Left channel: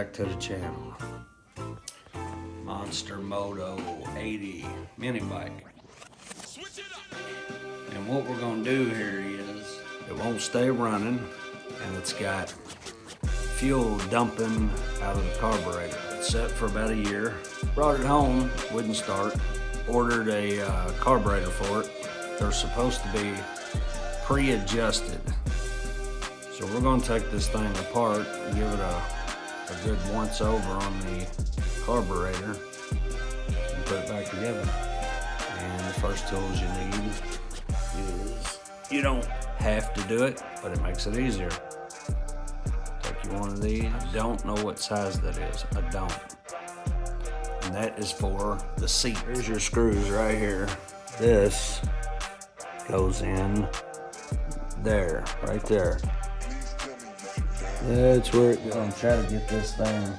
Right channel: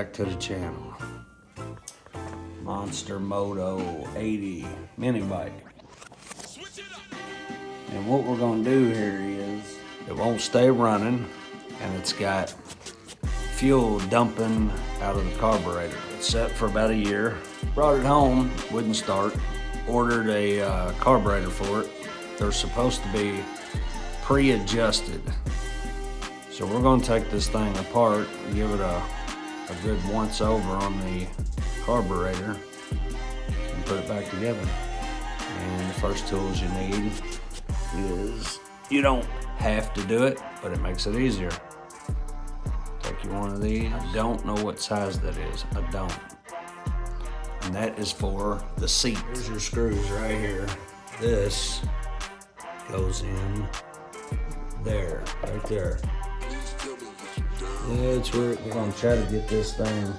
back to the channel. Monster Moto 80 mini bike. And what we're gonna do here is, it won't stay running, and it's got fuel dumping out of the carburetor. It's set for about a year. Brought it home, wouldn't start. Ordered a carburetor for it. They're supposed to be pre-adjusted. So we're gonna take this thing apart and give it a good once over on the carburetor and put it back together. And the first tools you need is, you don't have to do it, but it makes it easier. Take you one of these. I don't know what size that is, I don't. And that is for the seat. Here's your screws right here. This goes in there, right there. That's where we're gonna try to get this thing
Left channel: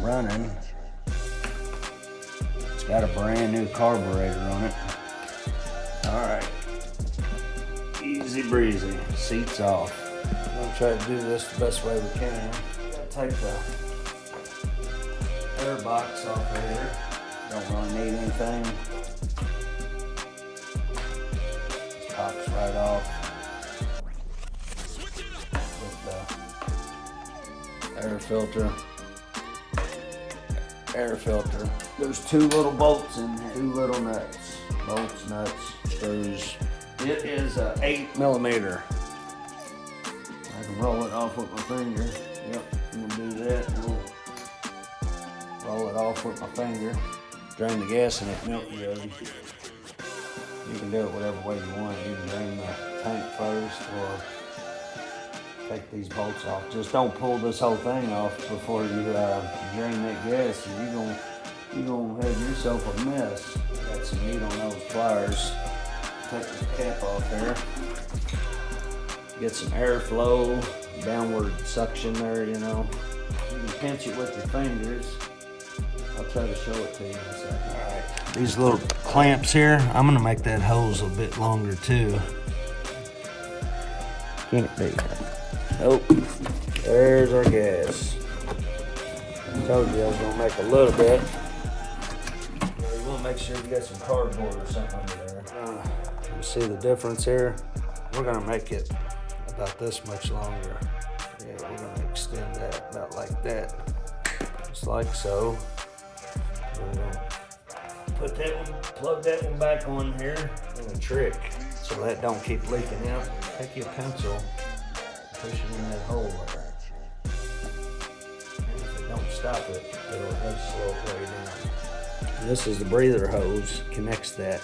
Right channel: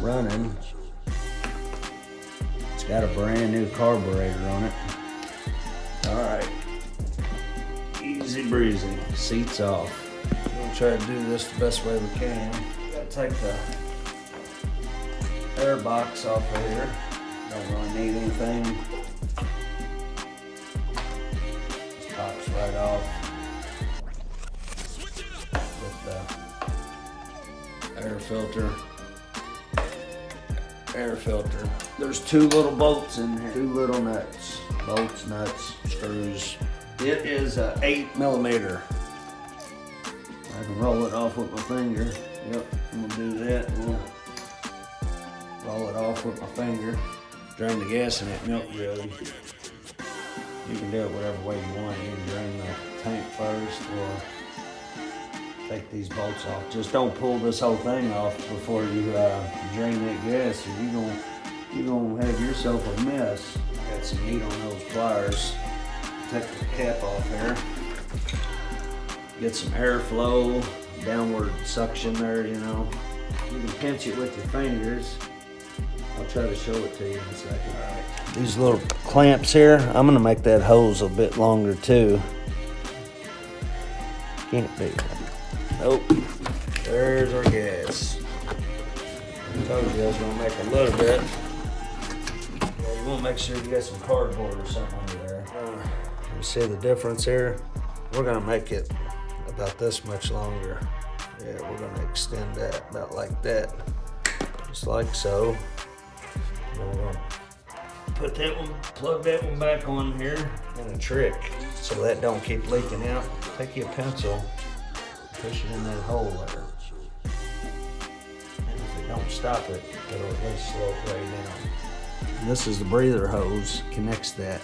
running. It's got a brand new carburetor on it. All right, easy breezy, seat's off. We're gonna try to do this the best way we can. Gotta take the air box off of here. Don't really need anything. This pops right off. Air filter. There's two little bolts in here, two little nuts. Bolts, nuts, screws. It is a 8mm. I can roll it off with my finger. Yep, I'm gonna do that. We'll roll it off with my finger. Drain the gas in it, milk really. You can do it whatever way you want. You can drain the tank first or take these bolts off. Just don't pull this whole thing off before you drain that gas, or you're gonna have yourself a mess. Got some meat on those pliers. Take the cap off there. Get some airflow, downward suction there, you know. You can pinch it with your fingers. I'll try to show it to you in a second. All right. These little clamps here, I'm gonna make that hose a bit longer too. Can't be. Nope, there's our gas. I told you I was gonna make a little bit. Yeah, you wanna make sure you got some cardboard or something under there. You see the difference here? We're gonna make it about this much longer. Yeah, we're gonna extend that about like that. Just like so. We're gonna put that one, plug that one back on here. And a trick, so that don't keep leaking out. Take your pencil, push it in that hole there. And if it don't stop it, it'll at least slow it way down. And this is the breather hose, connects that.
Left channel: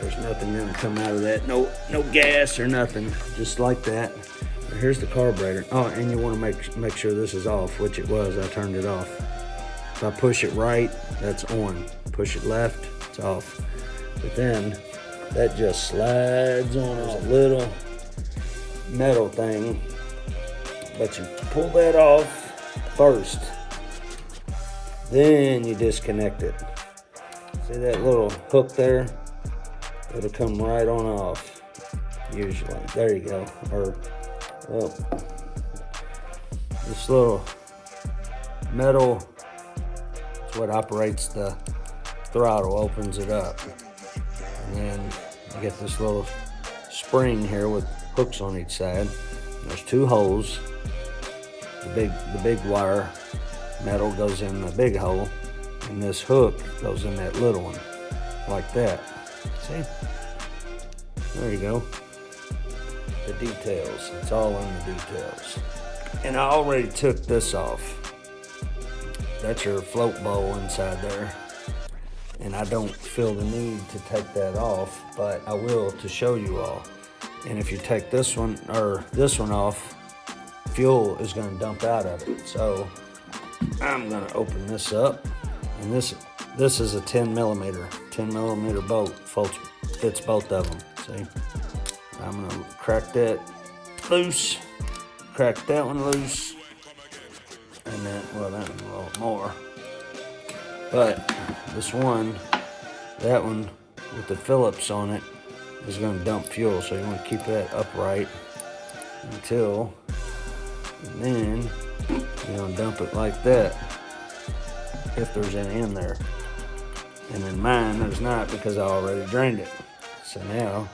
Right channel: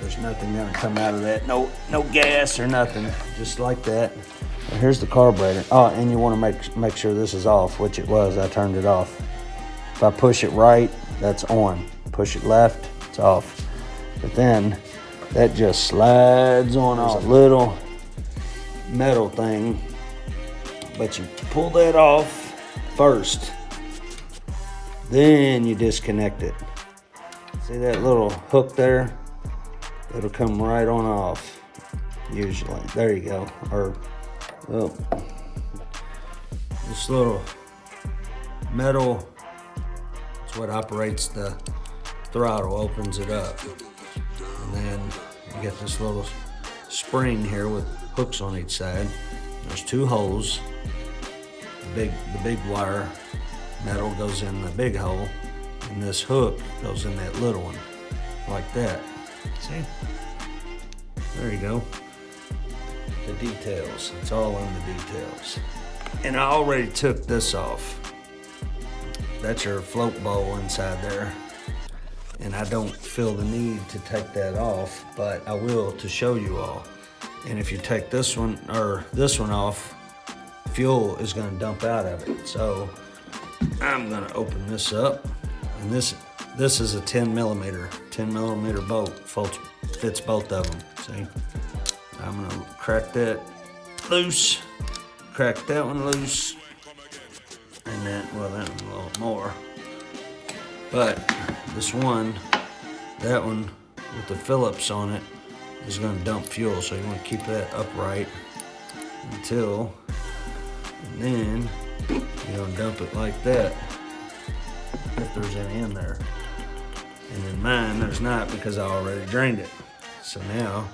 There's nothing gonna come out of that. No gas or nothing, just like that. And here's the carburetor. Oh, and you wanna make sure this is off, which it was, I turned it off. If I push it right, that's on. Push it left, it's off. But then, that just slides on off. A little metal thing, but you pull that off first, then you disconnect it. See that little hook there? It'll come right on off, usually. There you go. Or this little metal is what operates the throttle, opens it up. And then you get this little spring here with hooks on each side. There's two holes. The big wire metal goes in the big hole, and this hook goes in that little one, like that. See? There you go. The details. It's all in the details. And I already took this off. That's your float bowl inside there. And I don't feel the need to take that off, but I will to show you all. And if you take this one or this one off, fuel is gonna dump out of it. So I'm gonna open this up, and this is a 10mm bolt, fits both of them, see? I'm gonna crack that loose, crack that one loose, and then, well, that one a little more. But this one, that one with the Phillips on it is going to dump fuel, so you want to keep that upright until, and then You don't dump it like that if there's any in there. And in mine, there's not because I already drained it. So now,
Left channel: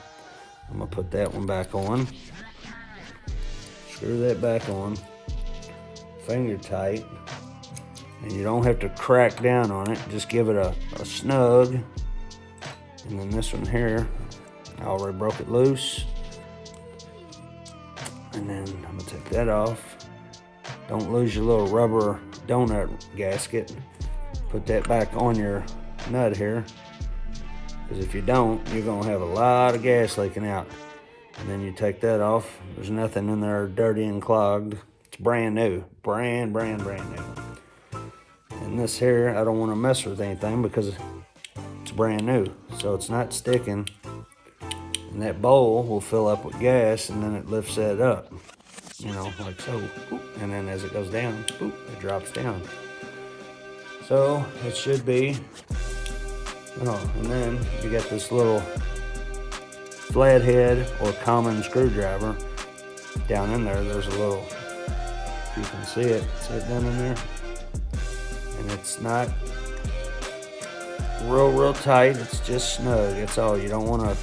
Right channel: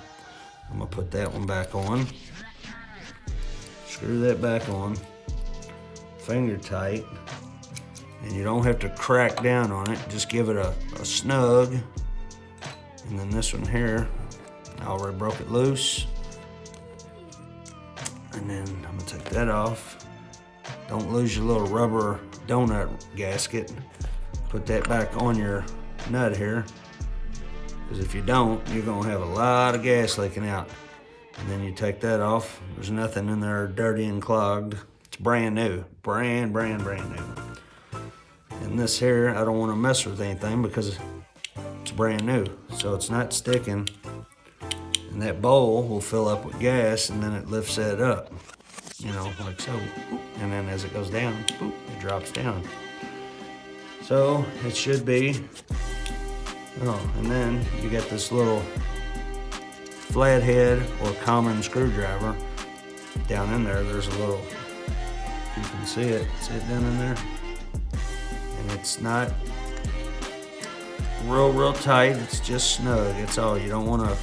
I'm gonna put that one back on. Screw that back on. Finger tight. And you don't have to crack down on it. Just give it a snug. And then this one here, I already broke it loose. And then I'm gonna take that off. Don't lose your little rubber donut gasket. Put that back on your nut here. Because if you don't, you're gonna have a lot of gas leaking out. And then you take that off. There's nothing in there dirty and clogged. It's brand new, brand new. And this here, I don't wanna mess with anything because it's brand new. So it's not sticking. And that bowl will fill up with gas and then it lifts that up. You know, like so. And then as it goes down, it drops down. So it should be, and then you got this little flathead or common screwdriver down in there. There's a little, you can see it down in there. And it's not real tight, it's just snug. That's all. You don't wanna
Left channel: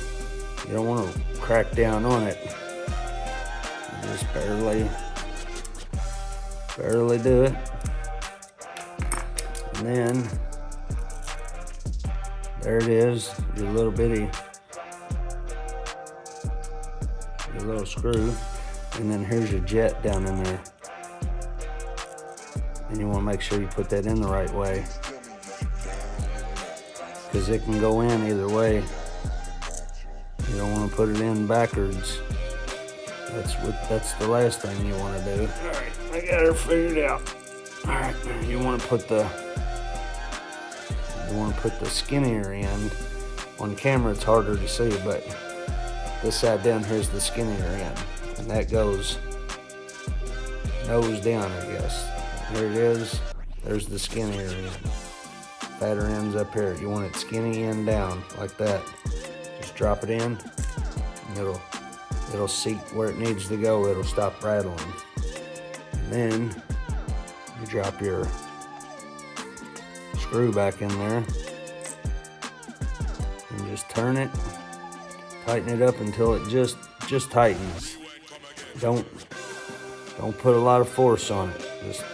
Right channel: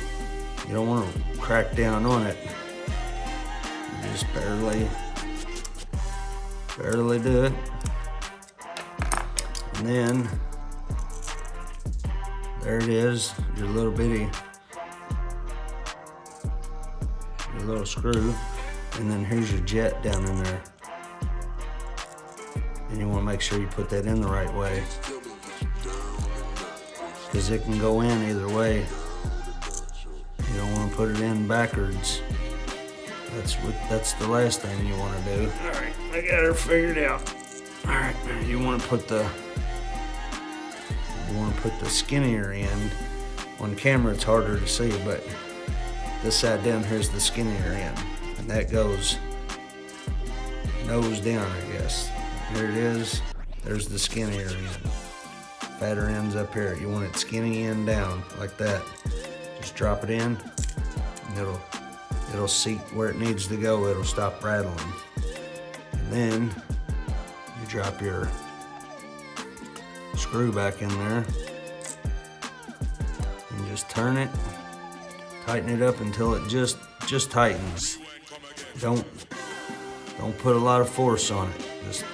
crack down on it. You just barely do it. And then there it is, your little screw. And then here's your jet down in there. And you want to make sure you put that in the right way, because it can go in either way. You don't want to put it in backwards. That's the last thing you want to do. All right, I got her figured out. All right, you want to put the skinnier end. On camera it's harder to see, but this side down here is the skinnier end, and that goes nose down, I guess. There it is. There's the skinnier end. Fatter end's up here. You want it skinny end down like that. Just drop it in, and it'll seat where it needs to go. It'll stop rattling. And then you drop your screw back in there and just turn it, tighten it up until it just tightens. Don't put a lot of force on it. Just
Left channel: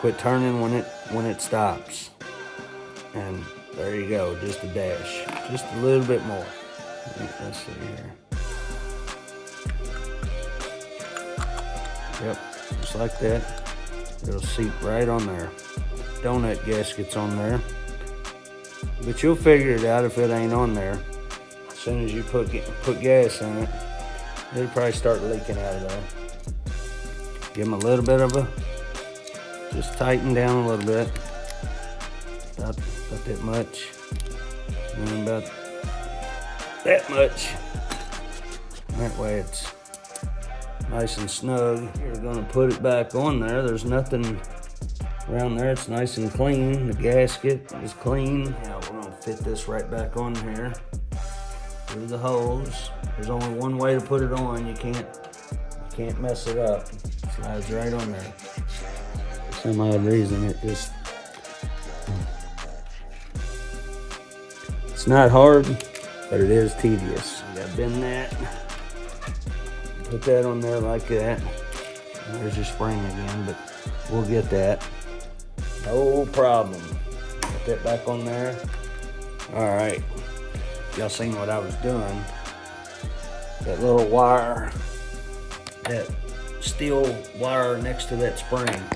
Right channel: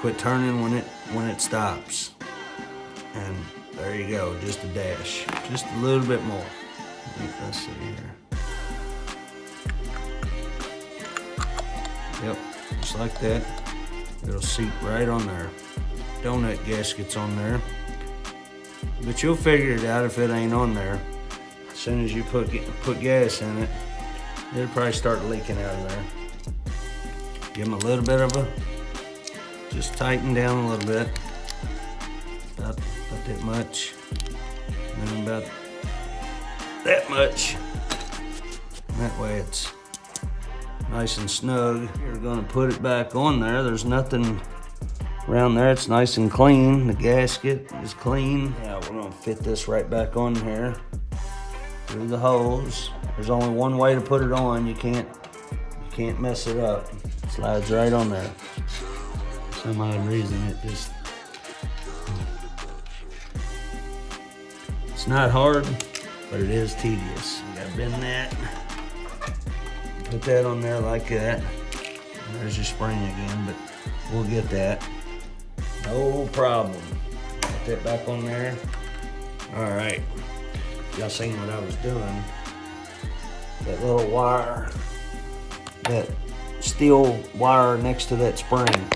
quit turning when it stops. And there you go, just a dash, just a little bit more. Let's see here. Yep, just like that. It'll seat right on there. Donut gasket's on there, but you'll figure it out if it ain't on there. As soon as you put gas in it, it'll probably start leaking out of there. Give them a little bit of just tighten down a little bit, about that much, and then about that much. And that way it's nice and snug. You're gonna put it back on there. There's nothing around there. It's nice and clean. The gasket is clean. Yeah, we're gonna fit this right back on here through the holes. There's only one way to put it on. You can't mess it up. It slides right on there. For some odd reason, it's not hard, but it is tedious. I've done that. Put that on there like that. There's your spring again, but we'll get that. No problem. Put that back on there. All right. Y'all seen what I was doing. That little wire, that steel wire next to that spring.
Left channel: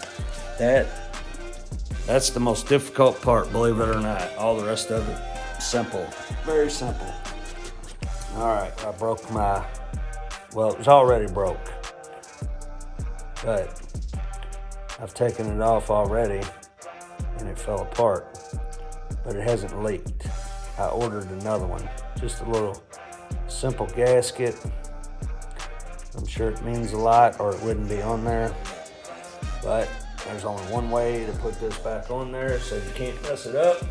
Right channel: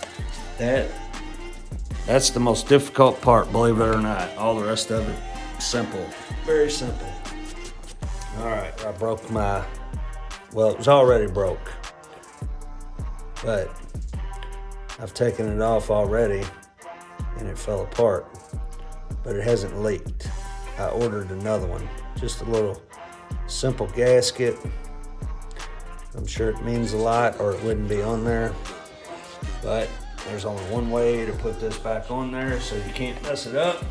That's the most difficult part, believe it or not. All the rest of it, simple. Very simple. All right, I broke well, it was already broke, but I've taken it off already and it fell apart, but it hasn't leaked. I ordered another one, just a little simple gasket. I'm sure it means a lot or it wouldn't be on there, but there's only one way to put this back on there so you can't mess it up.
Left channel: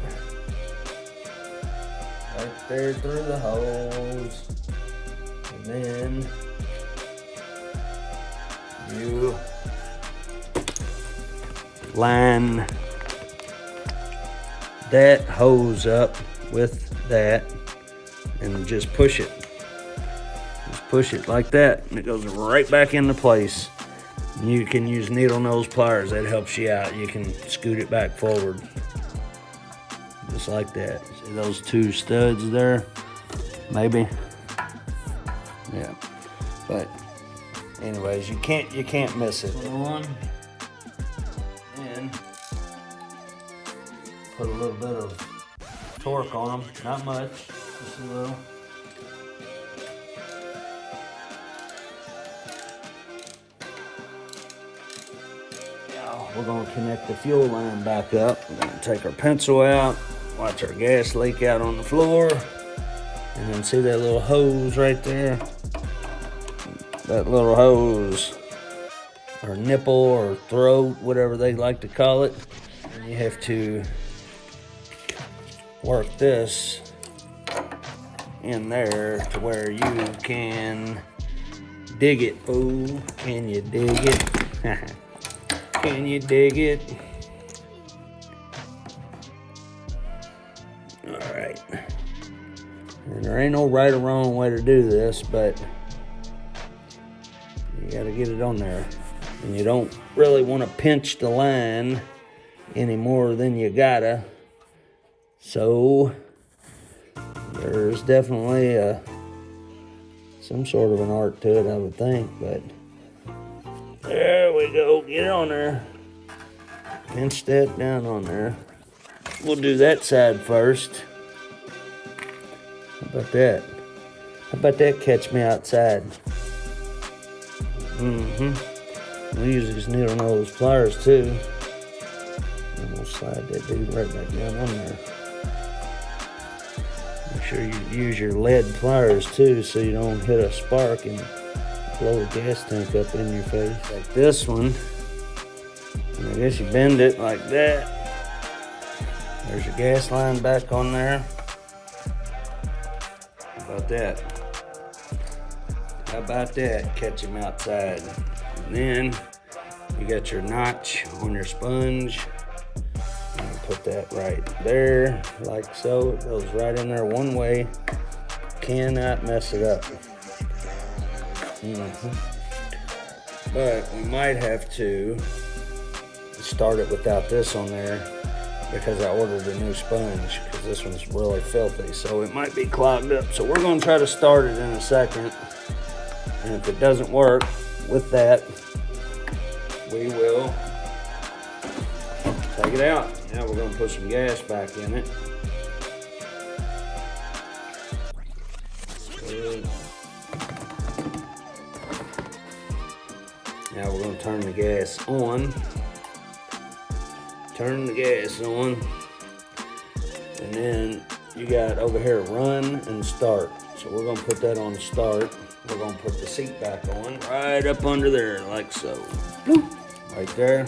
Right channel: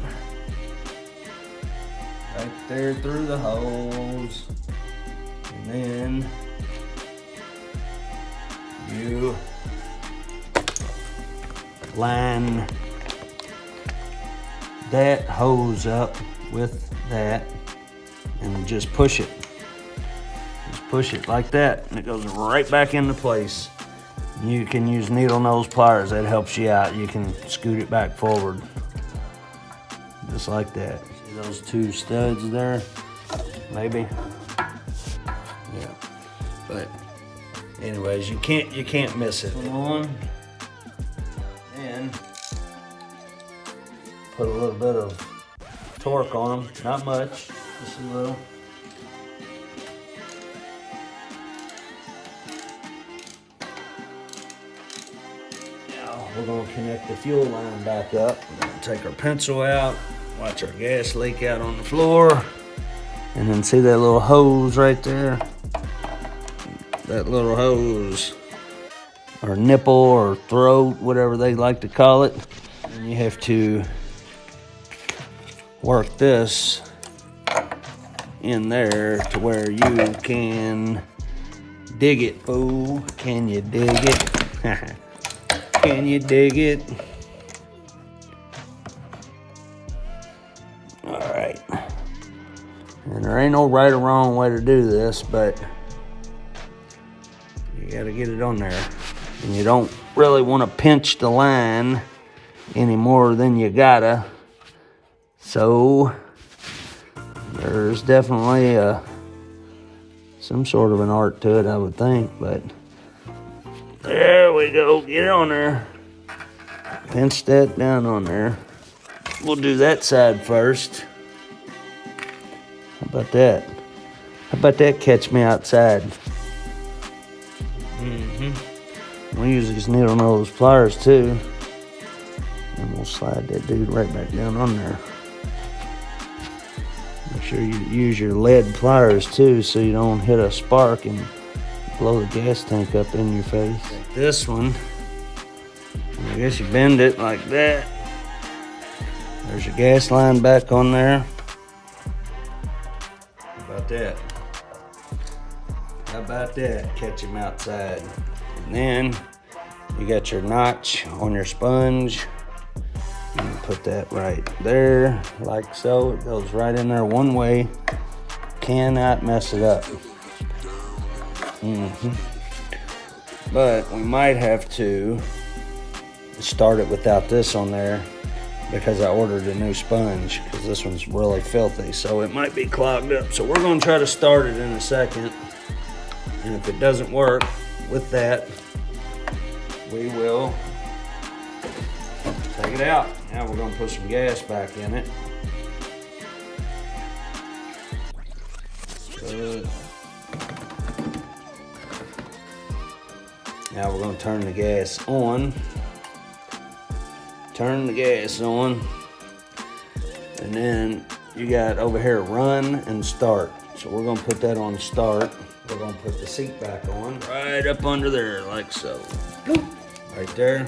Right there through the holes. And then you line that hose up with that and just push it. Just push it like that and it goes right back into place. And you can use needle nose pliers, that helps you out. You can scoot it back forward. Just like that. See those two studs there? Maybe. Yeah. But anyways, you can't miss it. Put on and put a little bit of torque on them. Not much, just a little. Now we're gonna connect the fuel line back up. We're gonna take our pencil out, watch our gas leak out on the floor, and then see that little hose right there? That little hose, or nipple, or throat, whatever they like to call it. And you have to work this in there to where you can dig it. Oh, can you dig it? Can you dig it? All right. And there ain't no right or wrong way to do this, but you gotta get it on there. And you don't really want to pinch the line any more than you gotta. So there's definitely some sort of an art to it, I would think, but there we go. Get it on there. Pinch that down on there. We'll do that side first. How about that? How about that catch me outside? We'll use these needle nose pliers too. And we'll slide that dude right back down on there. Make sure you use your lead pliers too so you don't hit a spark and blow the gas tank up in your face. Like this one. And I guess you bend it like that. There's your gas line back on there. How about that? How about that? Catch him outside. And then you got your notch on your sponge. And you put that right there, like so. It goes right in there one way. Cannot mess it up. But we might have to start it without this on there because I ordered a new sponge because this one's really filthy. So it might be clogged up. So we're going to try to start it in a second. And if it doesn't work with that, we will take it out. Now we're going to put some gas back in it. Good. Now we're going to turn the gas on. Turn the gas on. And then you got over here run and start. So we're going to put that on start. We're going to put the seat back on right up under there like so. Right there.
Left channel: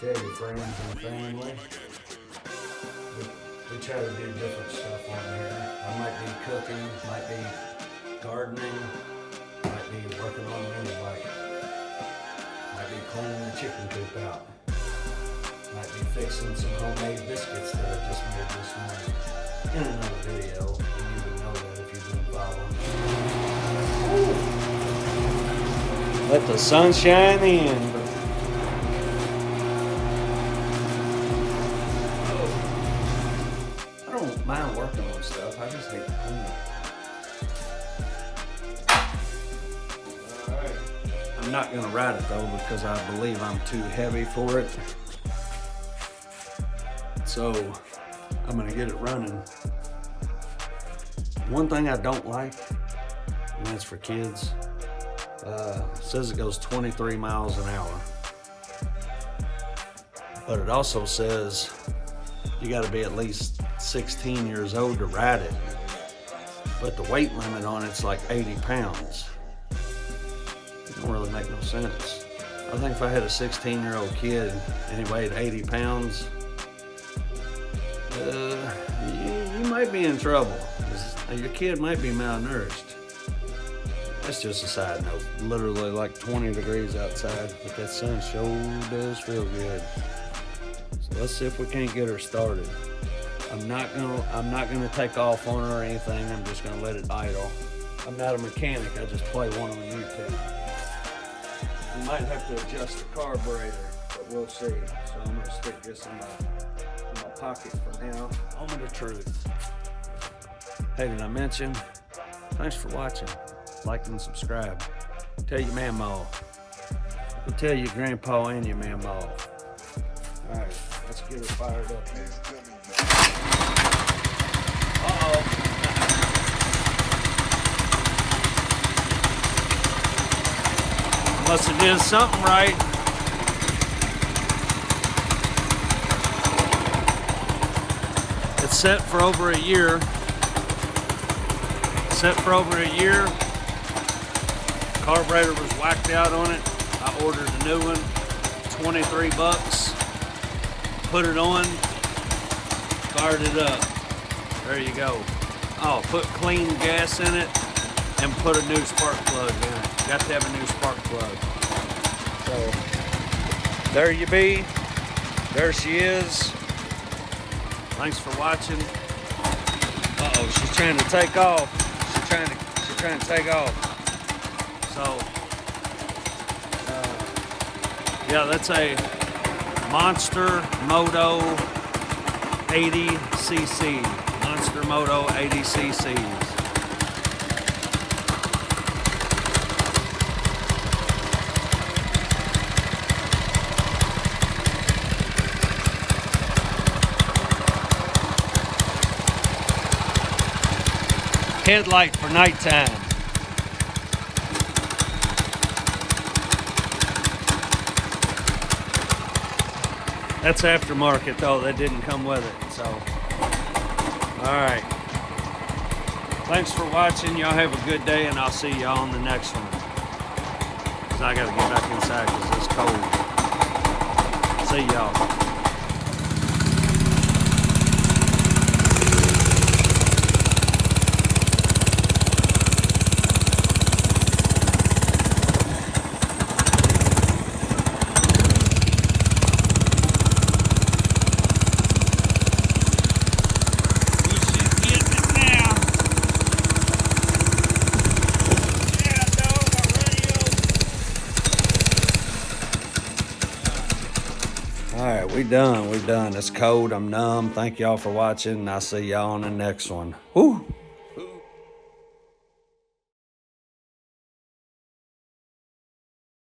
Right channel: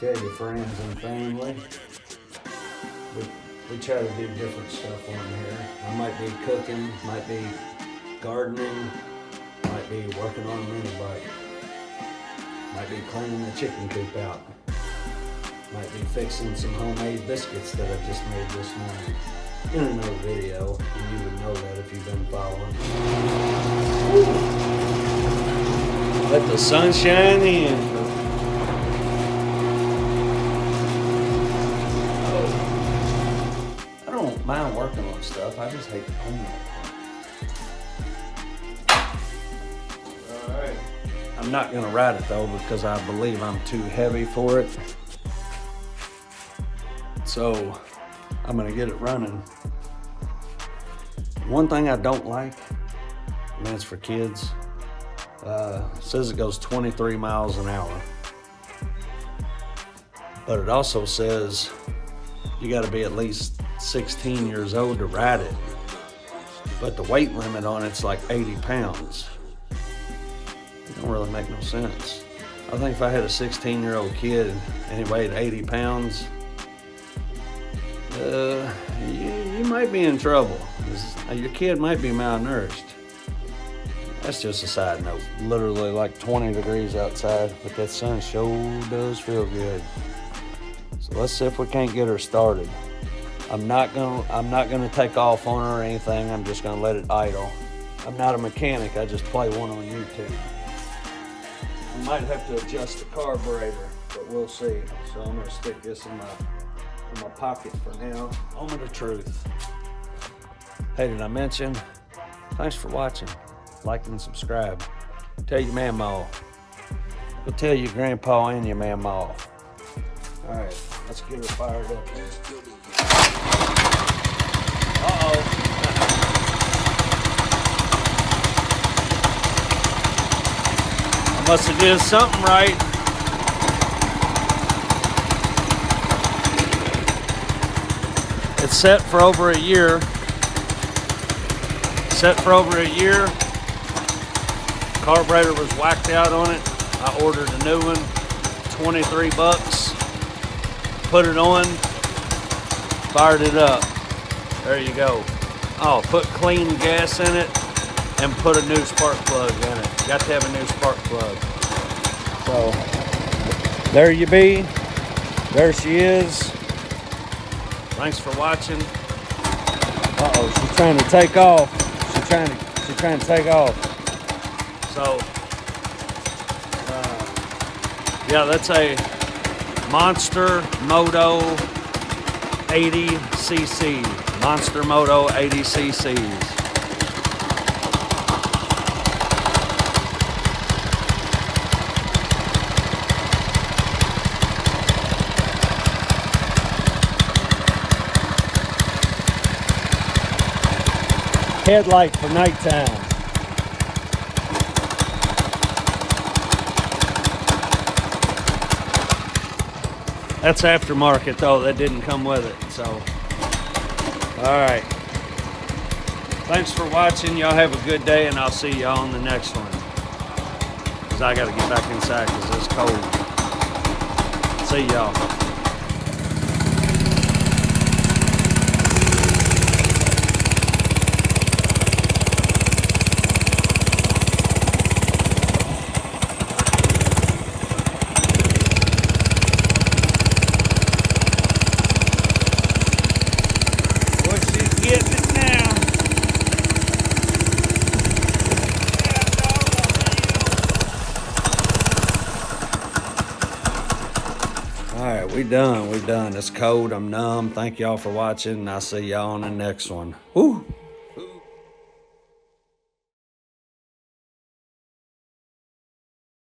Tell your friends and family. We try to do different stuff on here. I might be cooking, might be gardening, might be working on a mini bike, might be cleaning the chicken coop out, might be fixing some homemade biscuits that I just made this morning. In another video, you would know that if you've been following. Let the sun shine in. I don't mind working on stuff, I just hate to clean it. Alright. I'm not gonna ride it though because I believe I'm too heavy for it. So I'm gonna get it running. One thing I don't like, and that's for kids, says it goes 23 miles an hour. But it also says you gotta be at least 16 years old to ride it. But the weight limit on it's like 80 pounds. It don't really make no sense. I think if I had a 16-year-old kid and he weighed 80 pounds, you might be in trouble. Your kid might be malnourished. That's just a side note. Literally like 20 degrees outside, but that sun sure does feel good. Let's see if we can't get her started. I'm not gonna take off on her or anything. I'm just gonna let it idle. I'm not a mechanic. I just play one on YouTube. I might have to adjust the carburetor, but we'll see. So I'm gonna stick this in my pocket for now. Moment of truth. Hey, did I mention? Thanks for watching. Like and subscribe. Tell your mama. Go tell your grandpa and your mama. All right, let's get her fired up here. Uh-oh. I must have did something right. It's set for over a year. Carburetor was whacked out on it. I ordered a new one, 23 bucks. Put it on, fired it up. There you go. Oh, put clean gas in it and put a new spark plug in it. Got to have a new spark plug. So, there you be. There she is. Thanks for watching. Uh-oh, she's trying to take off. She's trying to take off. So, yeah, that's a Monster Moto 80cc. Monster Moto 80cc's. Headlight for nighttime. That's aftermarket though, that didn't come with it, so. All right. Thanks for watching. Y'all have a good day and I'll see y'all on the next one. Cause I gotta get back inside cause it's cold. See y'all. All right, we done. It's cold. I'm numb. Thank y'all for watching. I'll see y'all on the next one. Woo!